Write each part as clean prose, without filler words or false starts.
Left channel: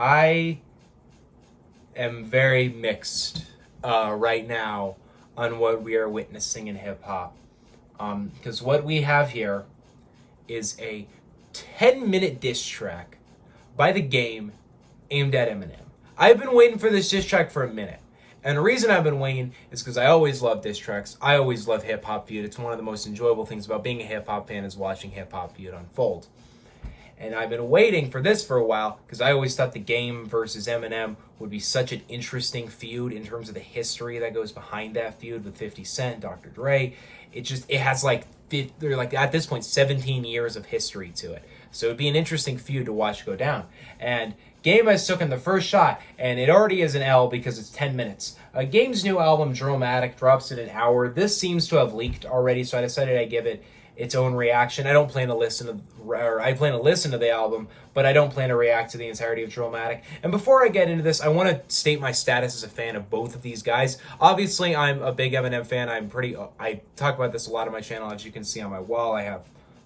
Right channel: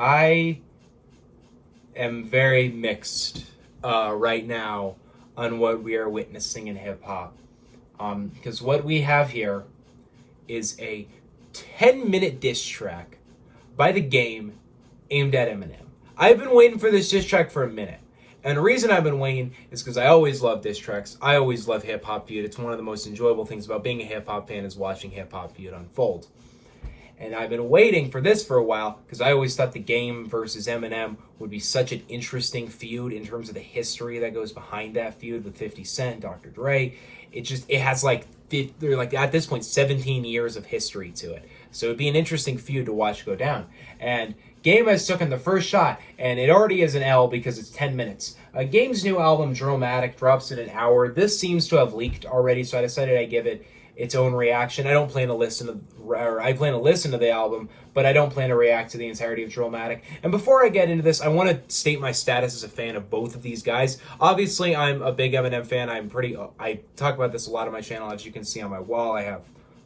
I am very mixed right now on what we are witnessing in hip hop. Because what we have here is a 10-minute diss track by The Game aimed at Eminem. I've been waiting for this diss track for a minute. And the reason I've been waiting is because I always love diss tracks. I always love Hip Hop Feud. It's one of the most enjoyable things about being a hip hop fan is watching Hip Hop Feud unfold. And I've been waiting for this for a while because I always thought The Game versus Eminem would be such an interesting feud in terms of the history that goes behind that feud with 50 Cent, Dr. Dre. It has like at this point 17 years of history to it. So it'd be an interesting feud to watch go down. And Game has taken the first shot, and it already is an L because it's 10 minutes. Game's new album, Dramatic, drops in an hour. This seems to have leaked already, so I decided I'd give it its own reaction. I plan to listen to the album, but I don't plan to react to the entirety of Dramatic. And before I get into this, I want to state my status as a fan of both of these guys. Obviously, I'm a big Eminem fan. I talk about this a lot on my channel, as you can see on my wall. I have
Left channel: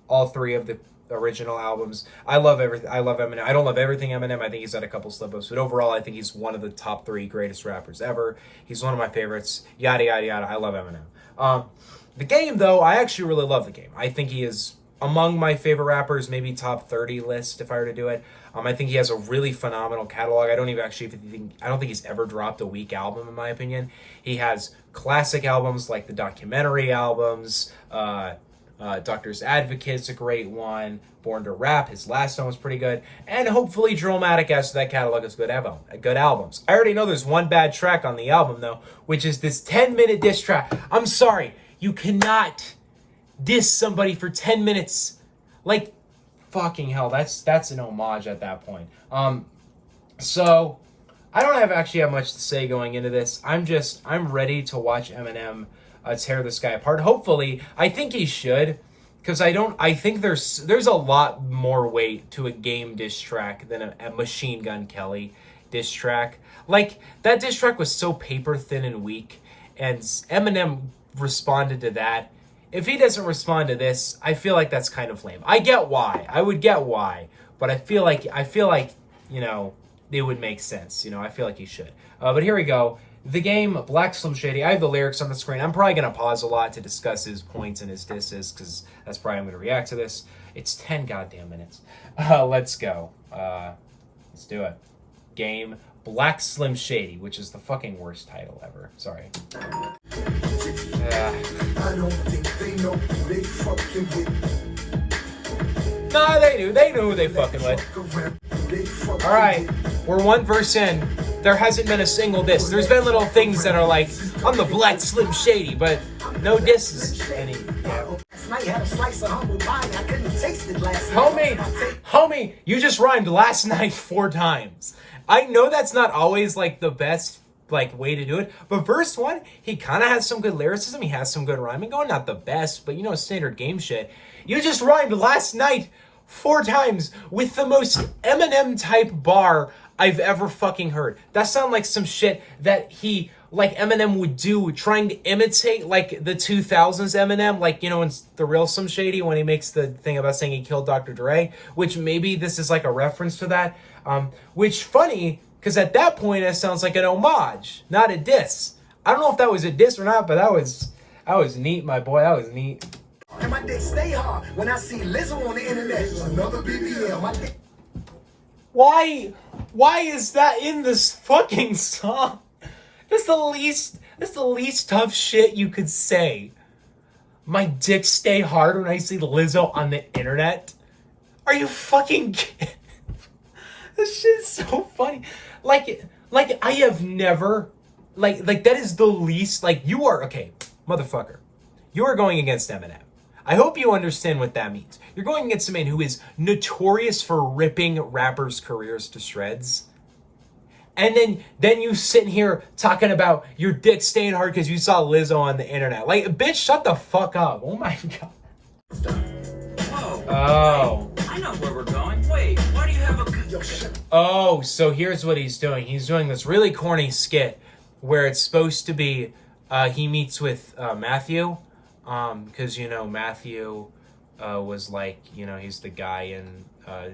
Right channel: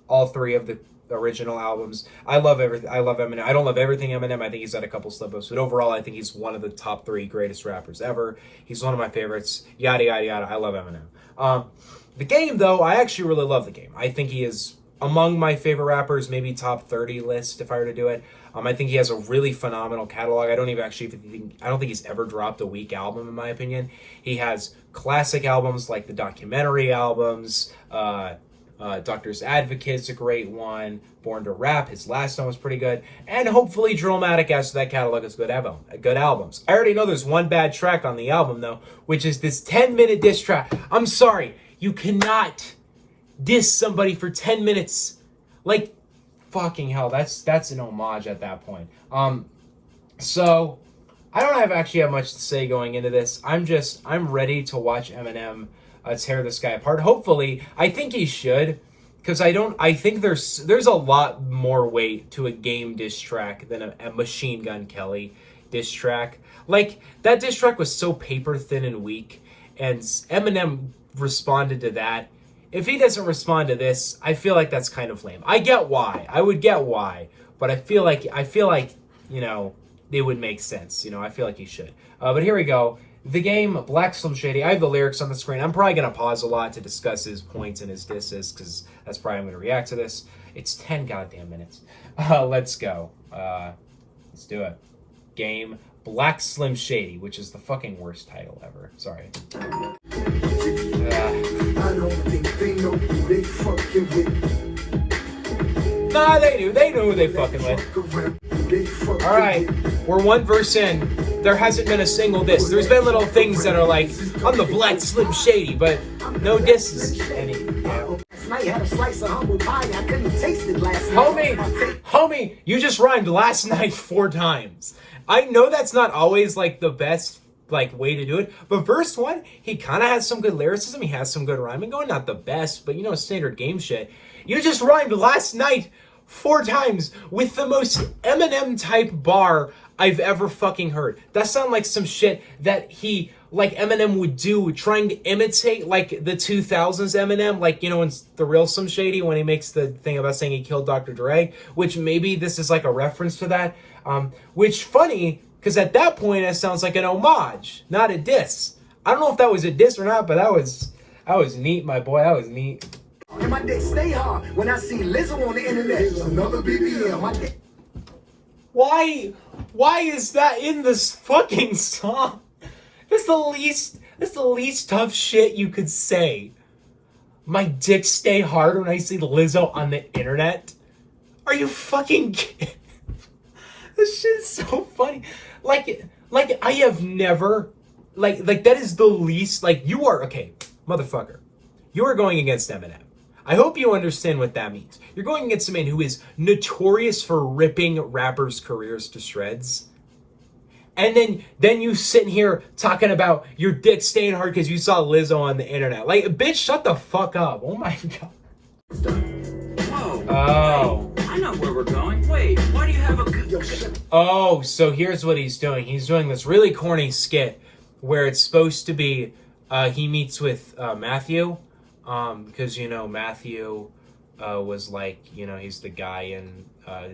all three of the original albums. I love everything. I love Eminem. I don't love everything Eminem. I think he's had a couple slip-ups, but overall, I think he's one of the top 3 greatest rappers ever. He's one of my favorites. Yada, yada, yada. I love Eminem. The Game, though, I actually really love The Game. I think he is among my favorite rappers, maybe top 30 list if I were to do it. I think he has a really phenomenal catalog. I don't think he's ever dropped a weak album, in my opinion. He has classic albums like the documentary albums. Doctor's Advocate's a great one. Born to Rap, his last one was pretty good. And hopefully Drillmatic adds to that catalog as good albums. I already know there's one bad track on the album, though, which is this 10-minute diss track. I'm sorry. You cannot diss somebody for 10 minutes. Like, fucking hell, that's an homage at that point. So, I don't actually have much to say going into this. I'm ready to watch Eminem tear this guy apart. Hopefully, I think he should, because I think there's a lot more weight to a Game diss track than a Machine Gun Kelly diss track. Like, that diss track was so paper thin and weak, and Eminem responded to that. If he doesn't respond to this, I feel like that's kind of lame. I get why. I would get why, but I feel like you know, it would make sense. You know, I feel like he should. But here we go. The Game, Black Slim Shady. I have the lyrics on the screen. I'm probably going to pause a lot to discuss his points and his disses, because that's probably how I'm going to react to this. It's 10 goddamn minutes. Let's go. Let's do it. Game, Black Slim Shady, which is the fucking worst title ever. Sorry. I don't think they know who they fucking with. Nah, they knew who they fucking with. Alright, we're one verse in. There hasn't been a single diss. There's been little things that are like, I'm the Black Slim Shady, but no disses. Homie, you just rhymed last night 4 times. I know that's not always like the best way to do it, but verse 1, he kind of has some good lyricism. He has some good rhyming going. Not the best, but standard Game shit. You just rhymed last night 4 times with the most Eminem type bar I've ever fucking heard. That sounds like some shit that Eminem would do, trying to imitate like the 2000s Eminem, in The Real Slim Shady, when he makes the thing about saying he killed Dr. Dre, which maybe this is like a reference to that. Which funny, because at that point it sounds like an homage, not a diss. I don't know if that was a diss or not, but that was neat, my boy. That was neat. And my dick stay hard when I see Lizzo on the internet. Another BBL. My dick. Why is that in this fucking song? That's the least tough shit you could say. My dick stay hard when I see Lizzo on the internet. Are you fucking kidding? This shit is so funny. I have never, that is the least, you are, okay, motherfucker. You are going against Eminem. I hope you understand what that means. You're going against a man who is notorious for ripping rappers' careers to shreds. And then you sitting here talking about your dick staying hard because you saw Lizzo on the internet. Bitch, shut the fuck up. Oh my God. Oh. I know where we're going. Wait, why do you have a... Oh, so here's what he's doing. He's doing this really corny skit where it's supposed to be he meets with Matthew. Because, Matthew was he's the guy in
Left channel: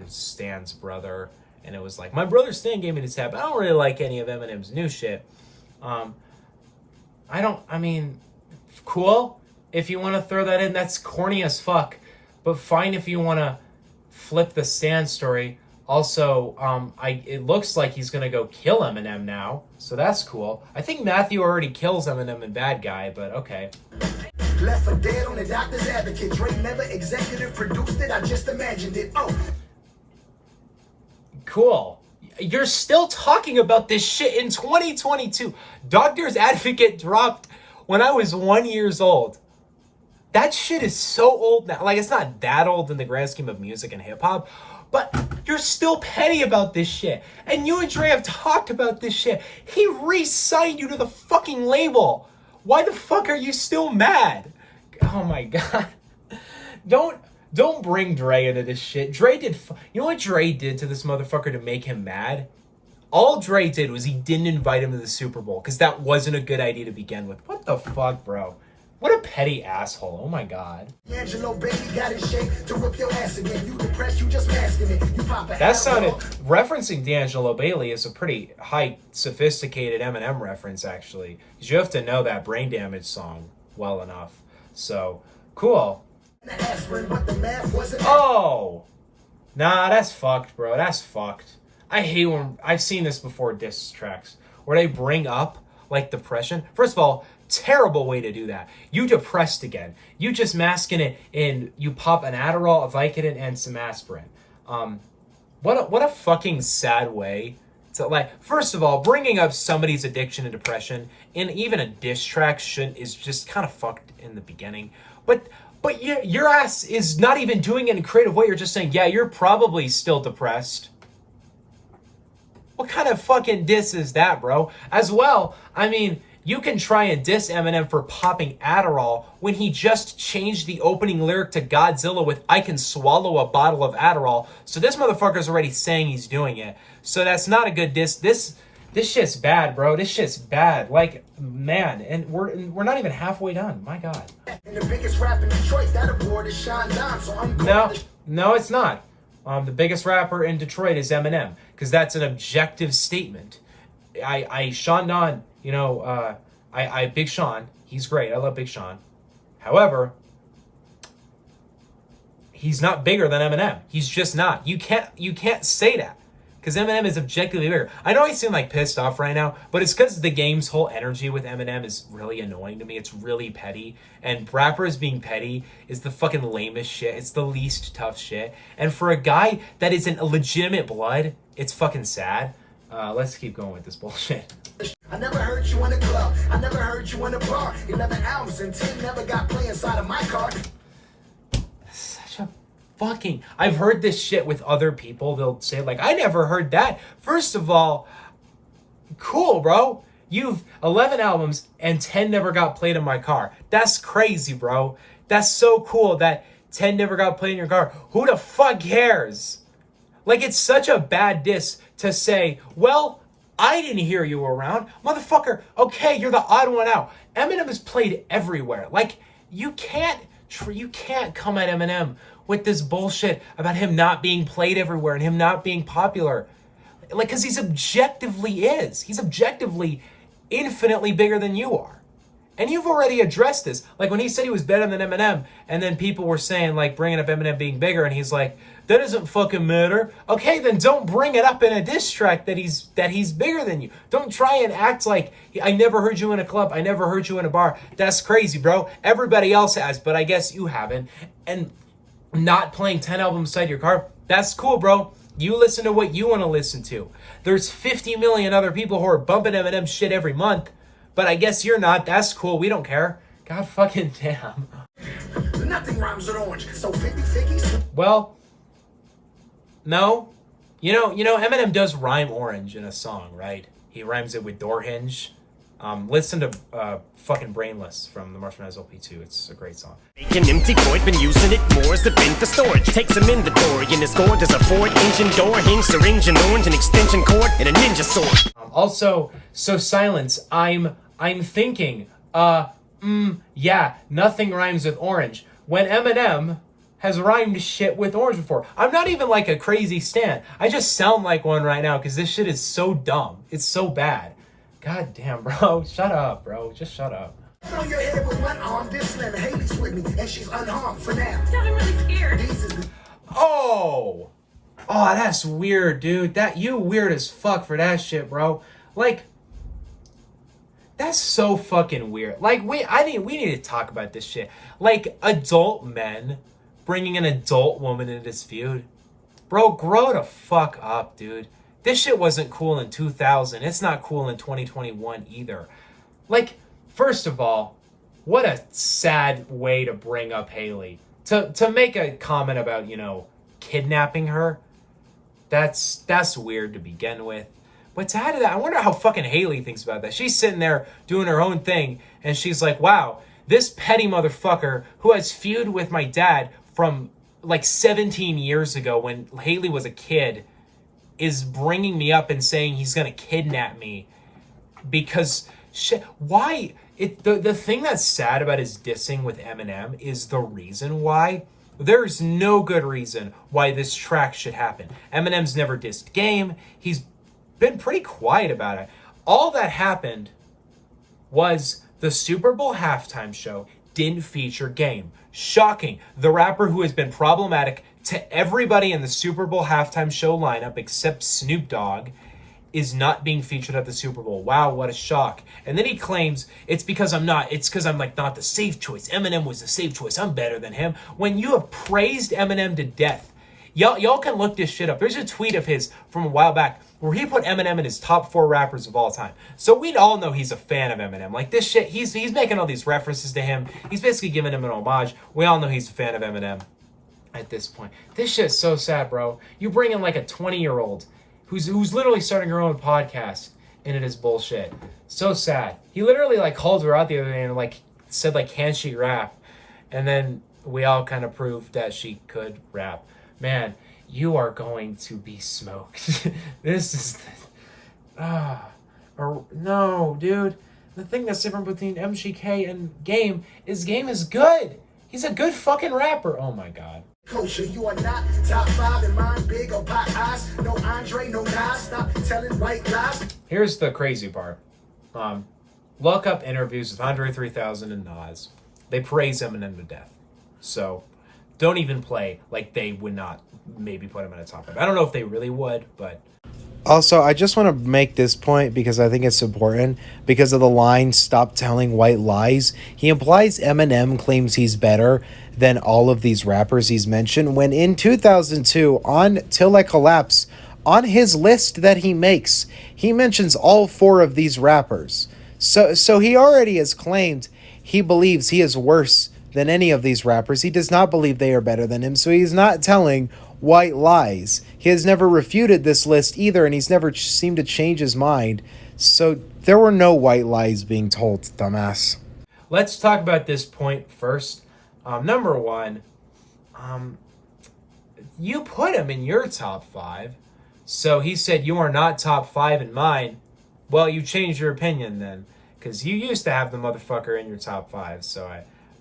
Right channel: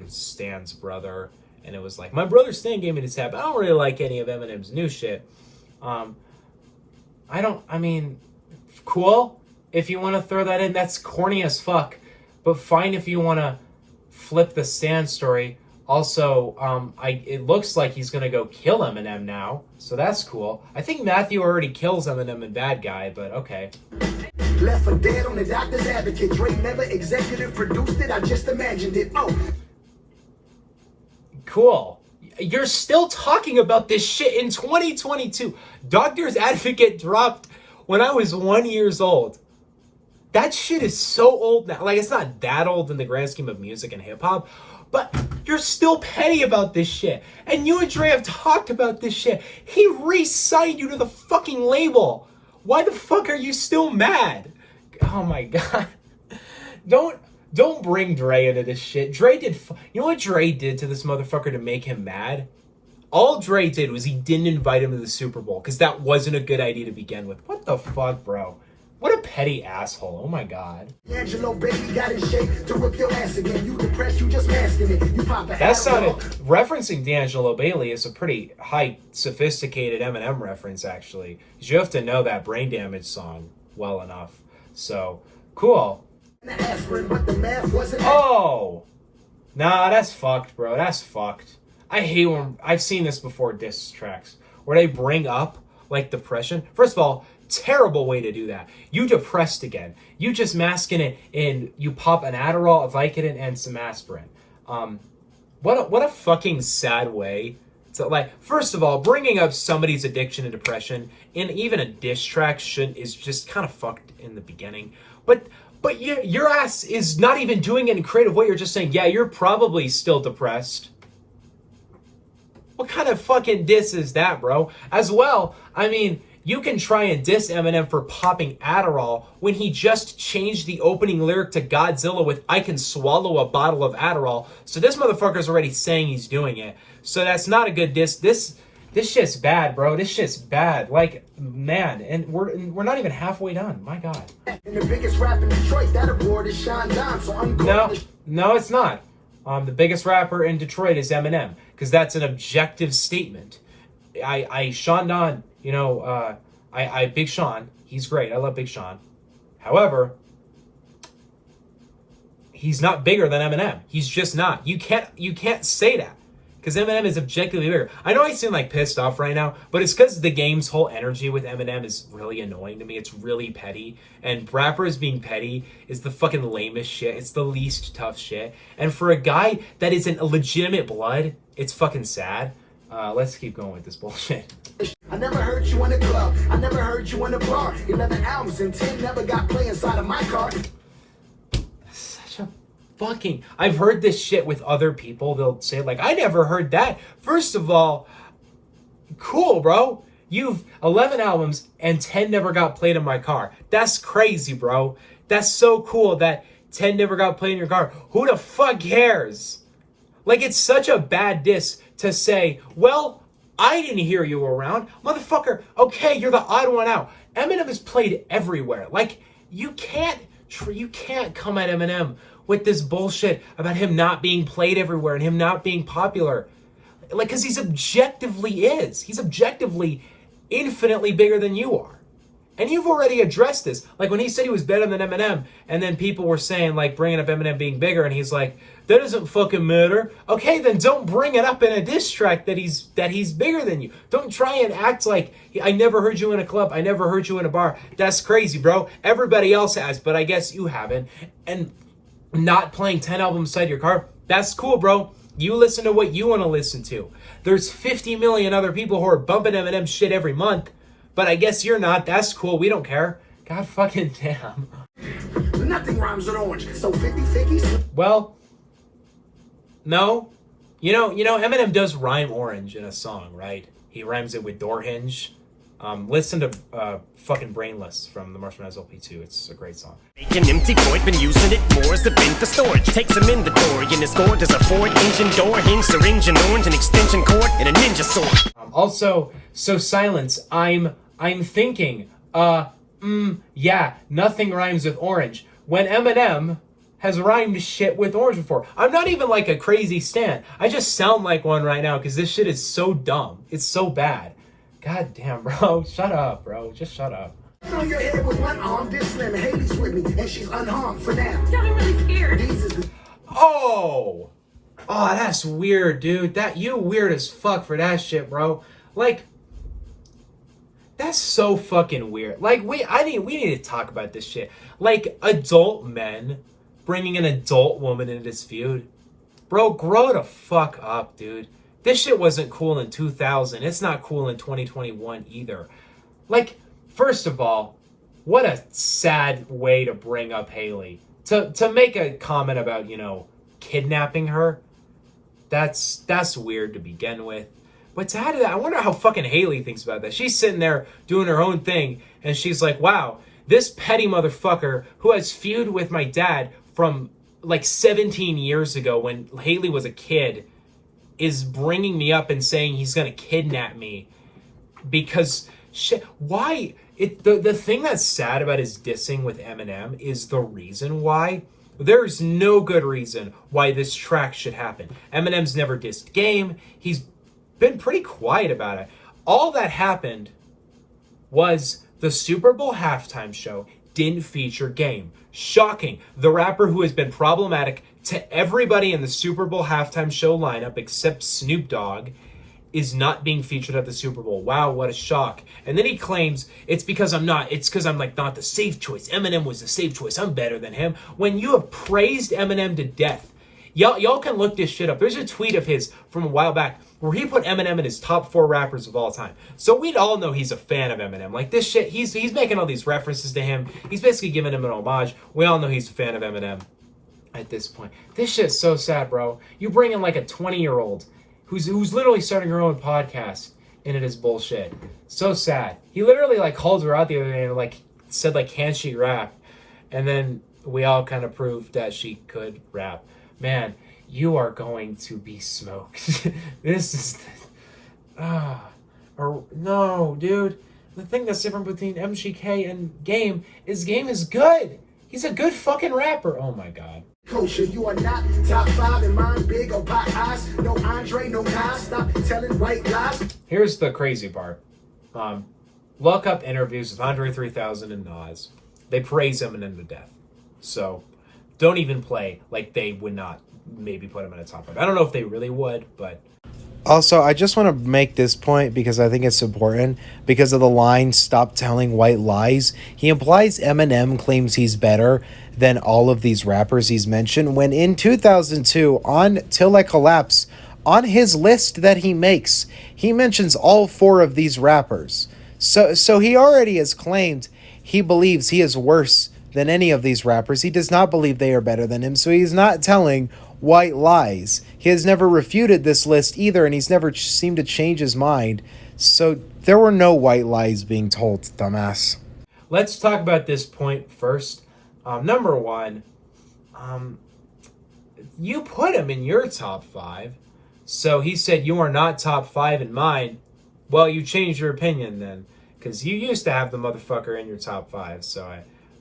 Stan's brother. and it was like, my brother Stan gave me this hat, but I don't really like any of Eminem's new shit. I mean, cool. If you want to throw that in, that's corny as fuck. But fine if you want to flip the Stan story. Also, it looks like he's going to go kill Eminem now. So that's cool. I think Matthew already kills Eminem in Bad Guy, but okay. Left for dead on the doctor's advocate. Dre never executive produced it. I just imagined it. Oh. Cool. You're still talking about this shit in 2022. Doctor's Advocate dropped when I was 1 year old. That shit is so old now. Like, it's not that old in the grand scheme of music and hip hop, but you're still petty about this shit. And you and Dre have talked about this shit. He re-signed you to the fucking label. Why the fuck are you still mad? Oh my god. Don't bring Dre into this shit. Dre did... You know what Dre did to this motherfucker to make him mad? All Dre did was he didn't invite him to the Super Bowl, because that wasn't a good idea to begin with. What the fuck, bro? What a petty asshole. Oh my god. Angelo Baby got in shape to whip your ass again. You depressed, you just masking it. You pop that sounded... Referencing D'Angelo Bailey is a pretty high, sophisticated Eminem reference, actually. Because you have to know that Brain Damage song well enough. So, cool. Oh! Nah, that's fucked, bro. That's fucked. I hate when... I've seen this before, diss tracks, where they bring up, like, depression. First of all, terrible way to do that. You depressed again. You just masking it in... You pop an Adderall, a Vicodin, and some aspirin. What a fucking sad way to, like... First of all, bringing up somebody's addiction and depression in even a diss track is just kind of fucked in the beginning. But yeah, your ass is not even doing it in a creative way. You're just saying, yeah, you're probably still depressed. What kind of fucking diss is that, bro? As well, I mean, you can try and diss Eminem for popping Adderall when he just changed the opening lyric to Godzilla with, I can swallow a bottle of Adderall. So this motherfucker's already saying he's doing it. So that's not a good diss. This shit's bad, bro. This shit's bad. Like, man, and we're not even halfway done. My god. And the biggest rapper in Detroit, that award is Sean Don, so I'm No, it's not. The biggest rapper in Detroit is Eminem, because that's an objective statement. Sean Don, you know, Big Sean, he's great. I love Big Sean. However, he's not bigger than Eminem. He's just not. You can't say that, because Eminem is objectively bigger. I know I seem like pissed off right now, but it's because the game's whole energy with Eminem is really annoying to me. It's really petty. And rappers being petty is the fucking lamest shit. It's the least tough shit. And for a guy that isn't a legitimate blood, it's fucking sad. Let's keep going with this bullshit. I never heard you on the club. I never heard you on the bar. 11 albums and 10 never got play inside of my car. Fucking, I've heard this shit with other people. They'll say, like, I never heard that. First of all, cool, bro. You've 11 albums and 10 never got played in my car. That's crazy, bro. That's so cool that 10 never got played in your car. Who the fuck cares? Like, it's such a bad diss to say, well, I didn't hear you around. Motherfucker, okay, you're the odd one out. Eminem is played everywhere. Like, you can't come at Eminem with this bullshit about him not being played everywhere and him not being popular. Like, because he's objectively infinitely bigger than you are. And you've already addressed this. Like, when he said he was better than Eminem, and then people were saying, like, bringing up Eminem being bigger, and he's like, that doesn't fucking matter. Okay, then don't bring it up in a diss track that he's bigger than you. Don't try and act like, I never heard you in a club, I never heard you in a bar. That's crazy, bro. Everybody else has, but I guess you haven't. And not playing 10 albums inside your car, that's cool, bro. You listen to what you want to listen to. There's 50 million other people who are bumping Eminem shit every month, but I guess you're not. That's cool. We don't care. God fucking damn. Nothing rhymes with orange, so 50-50. Well, no. You know, Eminem does rhyme orange in a song, right? He rhymes it with door hinge. Listen to fucking Brainless from the Marshmallows LP2. It's a great song. Make an empty void, been using it more as a bin for storage. Take some inventory in this gourd. There's a Ford engine door, hinge, syringe, and orange, an extension cord, and a ninja sword. Also, so silence. I'm thinking. Yeah, nothing rhymes with orange. When Eminem has rhymed shit with Orange before. I'm not even like a crazy stan. I just sound like one right now because this shit is so dumb. It's so bad. God damn, bro. Shut up, bro. Just shut up. On your head with one arm, this slim, and Haley's with me, and she's unharmed for now. I'm really scared. These is Oh, that's weird, dude. You weird as fuck for that shit, bro. Like, that's so fucking weird. Like, we need to talk about this shit. Like, adult men bringing an adult woman into this feud. Bro, grow the fuck up, dude. This shit wasn't cool in 2000. It's not cool in 2021 either. Like, first of all, what a sad way to bring up Haley. To make a comment about, kidnapping her, that's weird to begin with. But to add to that, I wonder how fucking Haley thinks about that. She's sitting there doing her own thing, and she's like, wow, this petty motherfucker who has feud with my dad from like 17 years ago when Haley was a kid is bringing me up and saying he's gonna kidnap me because shit. Why? The thing that's sad about his dissing with Eminem is the reason why. There's no good reason why this track should happen. Eminem's never dissed Game. He's been pretty quiet about it. All that happened was the Super Bowl halftime show didn't feature Game. Shocking. The rapper who has been problematic to everybody in the Super Bowl halftime show lineup except Snoop Dogg is not being featured at the Super Bowl. Wow, what a shock. And then he claims it's because I'm not the safe choice. Eminem was the safe choice. I'm better than him. When you have praised Eminem to death. Y'all can look this shit up. There's a tweet of his from a while back where he put Eminem in his top 4 rappers of all time. So we'd all know he's a fan of Eminem. Like this shit, he's making all these references to him. He's basically giving him an homage. We all know he's a fan of Eminem at this point. This shit's so sad, bro. You bring in like a 20-year-old who's literally starting her own podcast into this bullshit. So sad. He literally like called her out the other day and like said like, can she rap? And then we all kind of proved that she could rap. Man, you are going to be smoked. This is no, dude. The thing that's different between MGK and Game is good. He's a good fucking rapper. Oh my god. kosher. You are not top 5 in mine, big or pot eyes. No Andre, no Nas. Stop telling white lies. Here's the crazy part. Look up interviews with Andre 3000 and Nas. They praise Eminem to death. So don't even play like they would not maybe put him in a top 5. I don't know if they really would, but... Also, I just want to make this point because I think it's important. Because of the line, stop telling white lies. He implies Eminem claims he's better than all of these rappers he's mentioned. When in 2002, on Till I Collapse, on his list that he makes, he mentions all 4 of these rappers. So he already has claimed he believes he is worse than any of these rappers. He does not believe they are better than him. So he's not telling white lies. He has never refuted this list either, and he's never seemed to change his mind. So there were no white lies being told, dumbass. Let's talk about this point first. Number 1, you put him in your top 5. So he said you are not top 5 in mine. Well, you changed your opinion then, because you used to have the motherfucker in your top 5. So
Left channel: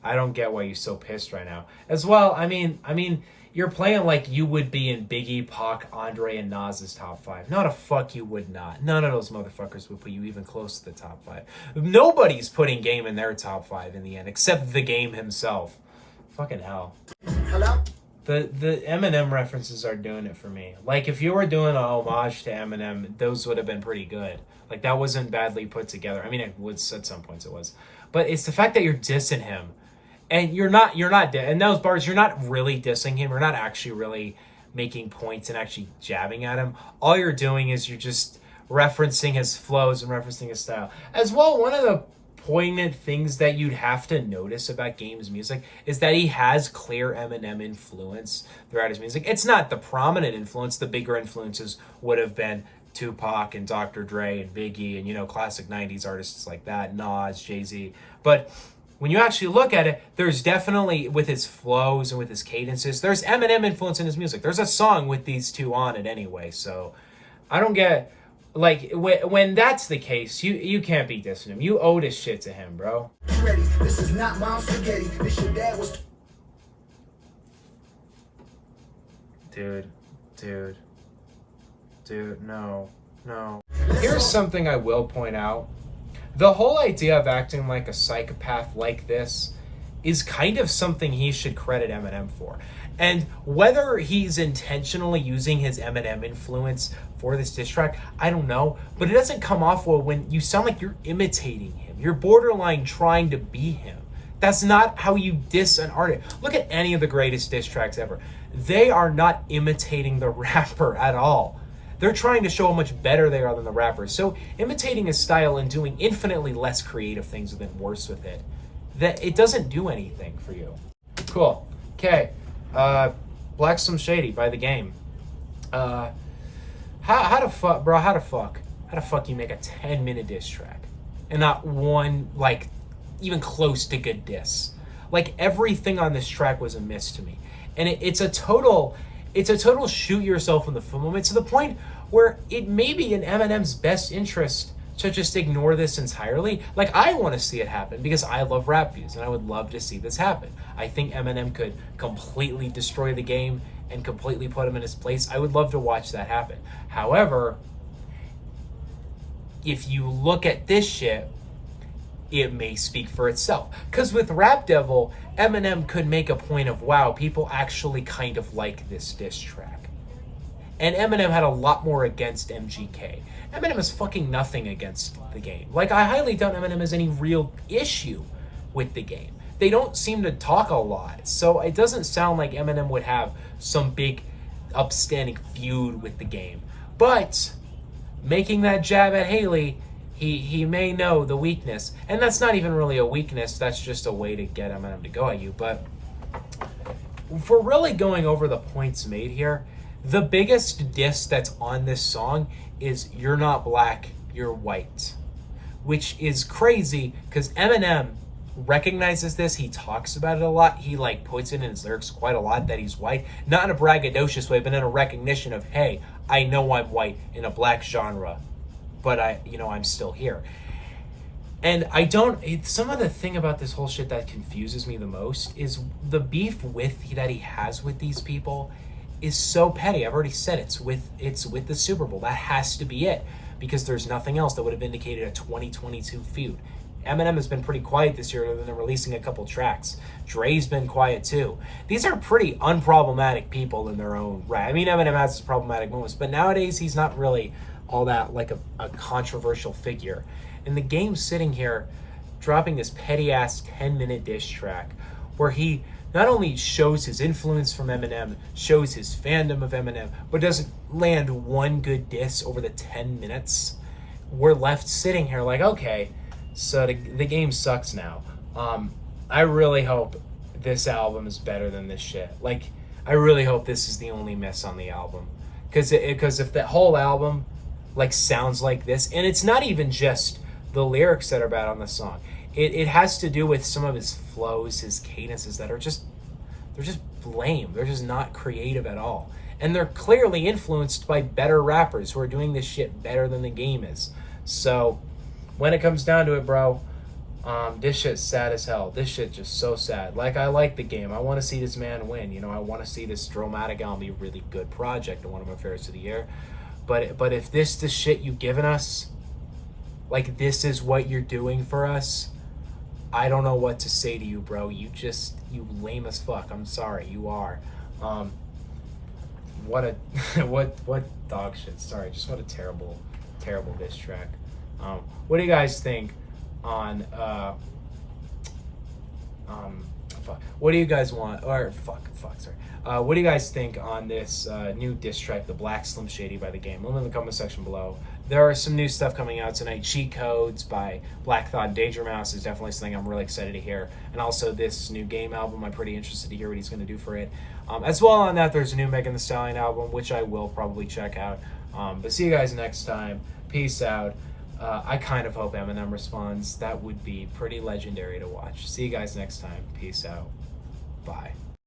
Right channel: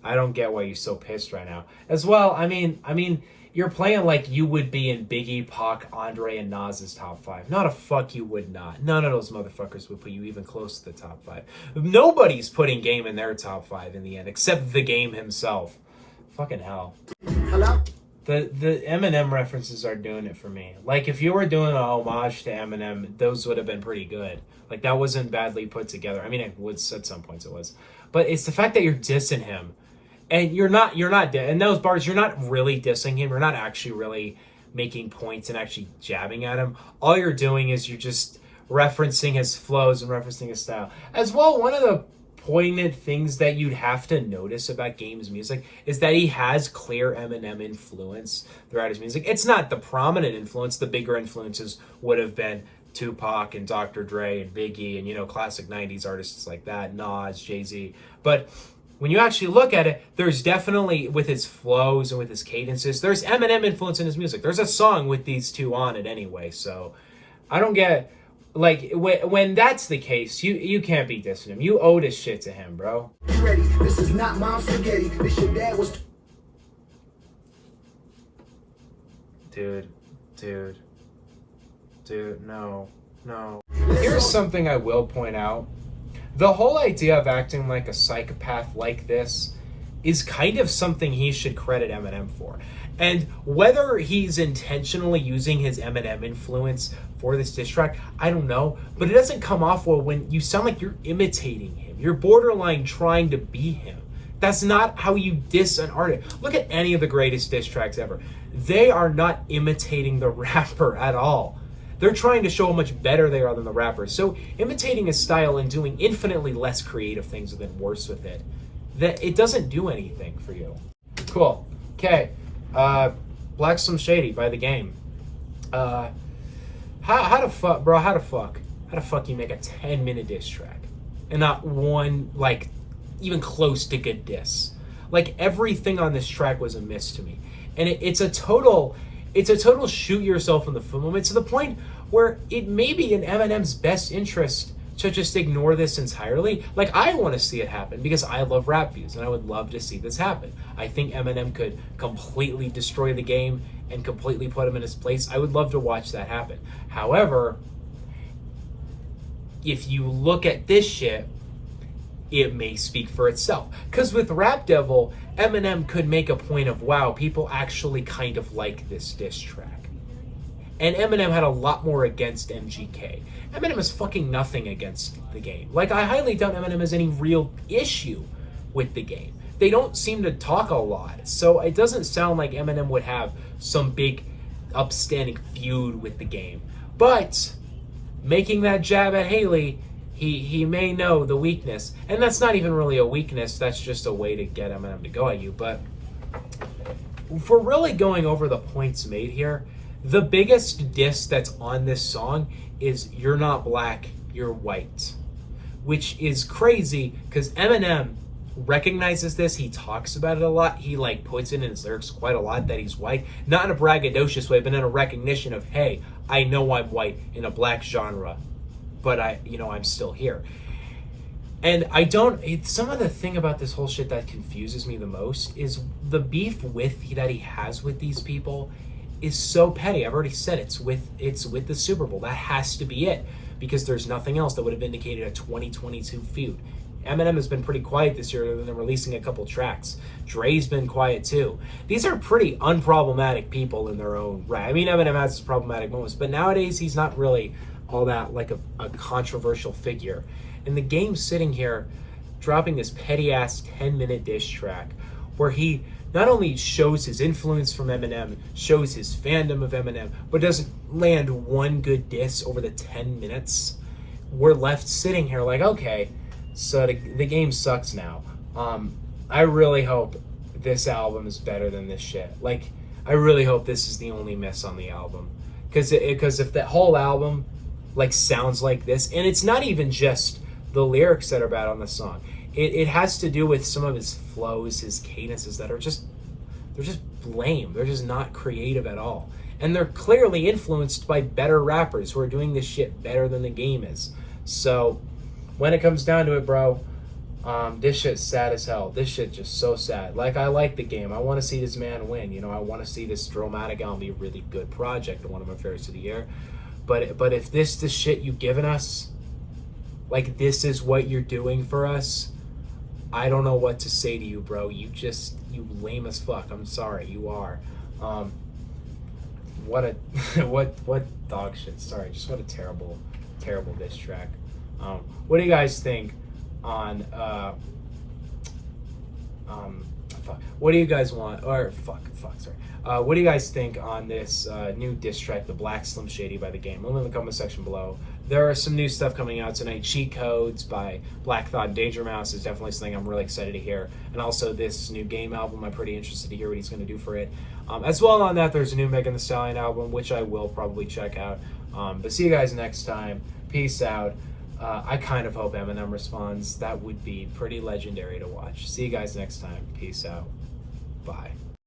I don't get why you're so pissed right now. As well, I mean, you're playing like you would be in Biggie, Pac, Andre, and Nas's top 5. Not a fuck you would not. None of those motherfuckers would put you even close to the top 5. Nobody's putting Game in their top 5 in the end, except the Game himself. Fucking hell. Hello? The Eminem references are doing it for me. Like, if you were doing a homage to Eminem, those would have been pretty good. Like, that wasn't badly put together. I mean, it was at some points it was. But it's the fact that you're dissing him. And you're not, in those bars, you're not really dissing him. You're not actually really making points and actually jabbing at him. All you're doing is you're just referencing his flows and referencing his style. As well, one of the poignant things that you'd have to notice about Game's music is that he has clear Eminem influence throughout his music. It's not the prominent influence. The bigger influences would have been Tupac and Dr. Dre and Biggie and, you know, classic 90s artists like that, Nas, Jay-Z. But when you actually look at it, there's definitely, with his flows and with his cadences, there's Eminem influence in his music. There's a song with these two on it anyway, so I don't get, like, when that's the case, you can't be dissing him. You owe this shit to him, bro. Ready. This is not my spaghetti. This your dad was... Dude, no. Here's something I will point out. The whole idea of acting like a psychopath like this is kind of something he should credit Eminem for. And whether he's intentionally using his Eminem influence for this diss track, I don't know. But it doesn't come off well when you sound like you're imitating him. You're borderline trying to be him. That's not how you diss an artist. Look at any of the greatest diss tracks ever. They are not imitating the rapper at all. They're trying to show how much better they are than the rapper. So imitating his style and doing infinitely less creative things and then worse with it, that it doesn't do anything for you. Cool. Okay. Black Slim Shady by The Game. How the fuck you make a 10-minute diss track and not one, like, even close to good diss? Like, everything on this track was a miss to me. And it's a total shoot yourself in the foot moment, to the point where it may be in Eminem's best interest to just ignore this entirely. Like, I want to see it happen because I love rap views and I would love to see this happen. I think Eminem could completely destroy The Game and completely put him in his place. I would love to watch that happen. However, if you look at this shit, it may speak for itself. Because with Rap Devil, Eminem could make a point of, wow, people actually kind of like this diss track. And Eminem had a lot more against MGK. Eminem has fucking nothing against The Game. Like, I highly doubt Eminem has any real issue with The Game. They don't seem to talk a lot. So it doesn't sound like Eminem would have some big upstanding feud with The Game. But making that jab at Haley, he may know the weakness. And that's not even really a weakness. That's just a way to get Eminem to go at you. But if we're really going over the points made here, the biggest diss that's on this song is "You're not black, you're white," which is crazy because Eminem recognizes this. He talks about it a lot. He like puts it in his lyrics quite a lot that he's white, not in a braggadocious way, but in a recognition of, hey, I know I'm white in a black genre, but I'm still here. And some of the thing about this whole shit that confuses me the most is the beef that he has with these people is so petty. I've already said it's with the Super Bowl. That has to be it, because there's nothing else that would have indicated a 2022 feud. Eminem has been pretty quiet this year other than releasing a couple tracks. Dre's been quiet too. These are pretty unproblematic people in their own right. I mean, Eminem has his problematic moments, but nowadays he's not really all that like a controversial figure. And The Game's sitting here dropping this petty ass 10-minute diss track where he not only shows his influence from Eminem, shows his fandom of Eminem, but doesn't land one good diss over the 10 minutes. We're left sitting here like, okay, so the game sucks now. I really hope this album is better than this shit. Like, I really hope this is the only miss on the album. Because if the whole album like sounds like this, and it's not even just the lyrics that are bad on the song. It has to do with some of his flows, his cadences that are just lame. They're just not creative at all. And they're clearly influenced by better rappers who are doing this shit better than The Game is. So when it comes down to it, bro, this shit's sad as hell. This shit just so sad. Like, I like The Game. I want to see this man win. I want to see this Dramatic album be a really good project and one of my favorites of the year. But if this the shit you've given us, like this is what you're doing for us, I don't know what to say to you, bro. You lame as fuck. I'm sorry, you are. What dog shit. Sorry, just what a terrible diss track. What do you guys think on what do you guys want, or sorry. What do you guys think on this new diss track, the Black Slim Shady by The Game? Let me know in the comment section below. There are some new stuff coming out tonight. Cheat Codes by Black Thought and Danger Mouse is definitely something I'm really excited to hear. And also this new Game album, I'm pretty interested to hear what he's going to do for it. As well on that, there's a new Megan Thee Stallion album, which I will probably check out. But see you guys next time. Peace out. I kind of hope Eminem responds. That would be pretty legendary to watch. See you guys next time. Peace out. Bye.